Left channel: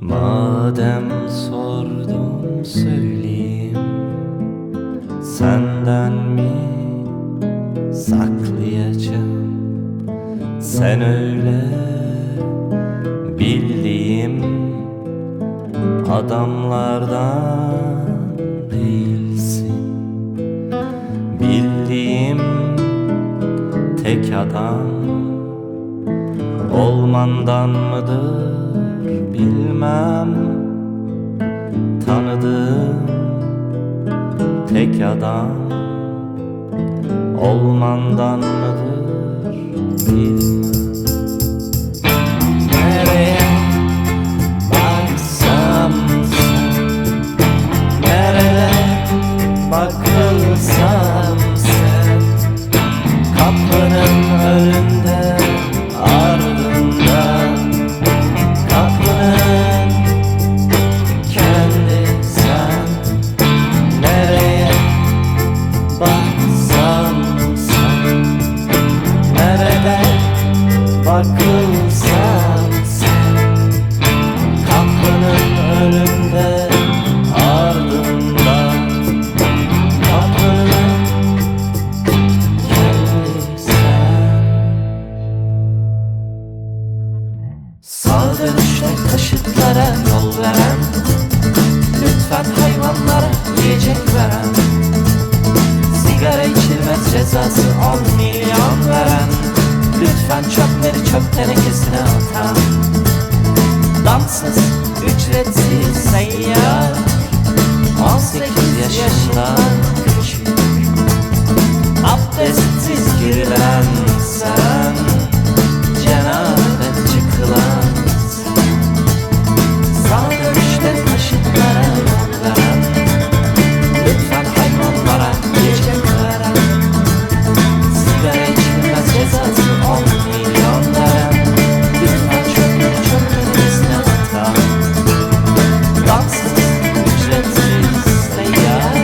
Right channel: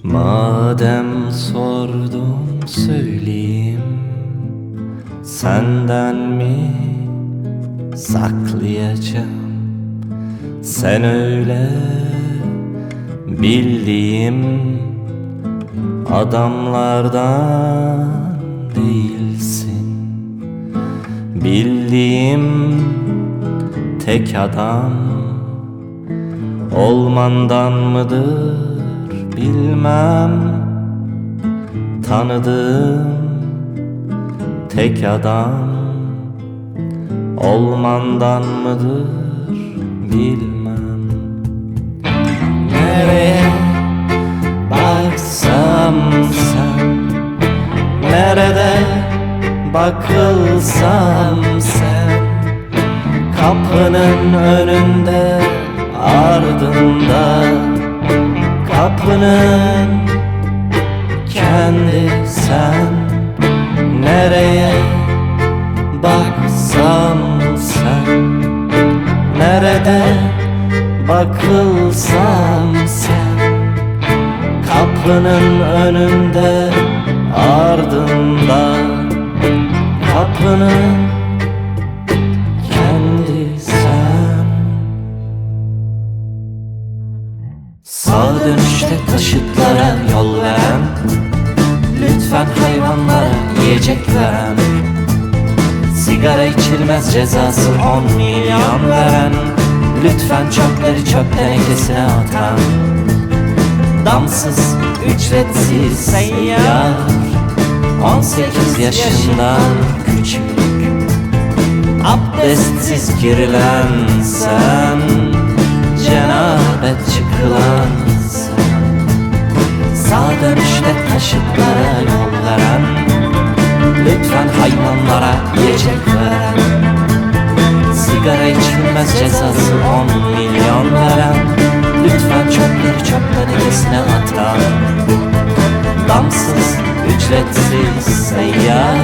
Madem sordum söyleyeyim, senden mi saklayacağım? Sen öyle bildiğim adamlardan değilsin. Bildiğim tek adam olmandan mıdır bilmem. Tanıdığım tek adam olmandan mıdır bilmem. Nereye baksam sen, nerede bakılsam sen. Kapının önünde ardında, kapının kendi sen. Nereye baksam sen, nerede bakılsam sen. Kapının önünde ardında, kapının kendi sen. Sağa dönüşte taşıtlara yol veren, lütfen hayvanlara yiyecek veren. Sigara içilmez cezası 10 milyon veren, lütfen çöpleri çöp tenekesine atan. Damsız ücretsiz seyyar, 18 yaşından küçük. Abdestsiz girilen sen, cenabete çıkılan sen. Sağa dönüşte taşıtlara yol veren, lütfen hayvanlara yiyecek veren. Sigara içilmez cezası 10 milyon veren, lütfen çöpleri çöp tenekesine atan. Damsız ücretsiz seyyar,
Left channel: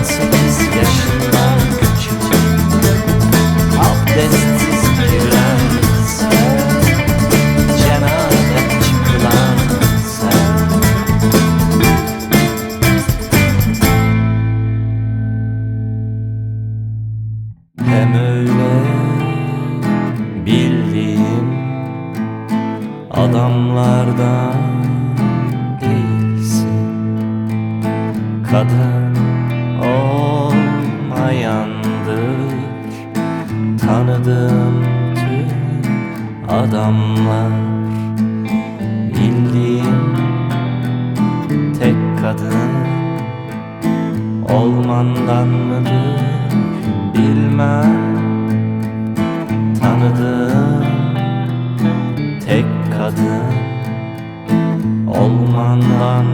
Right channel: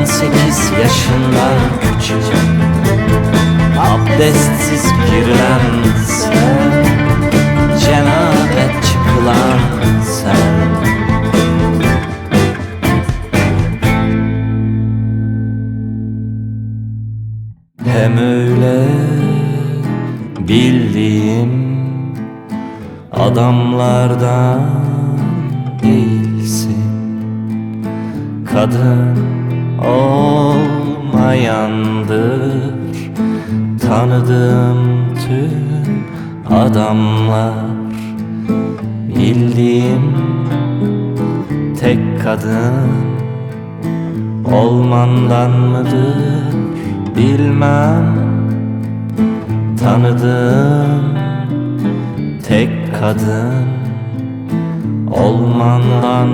18 yaşından küçük. Abdestsiz giren sen, cenabet çıkılan sen. Hem öyle bildiğim adamlardan değilsin. Kadın olmayandır tanıdığım tüm adamlar. Bildiğim tek kadın olmandan mıdır bilmem. Tanıdığım tek kadın olmandan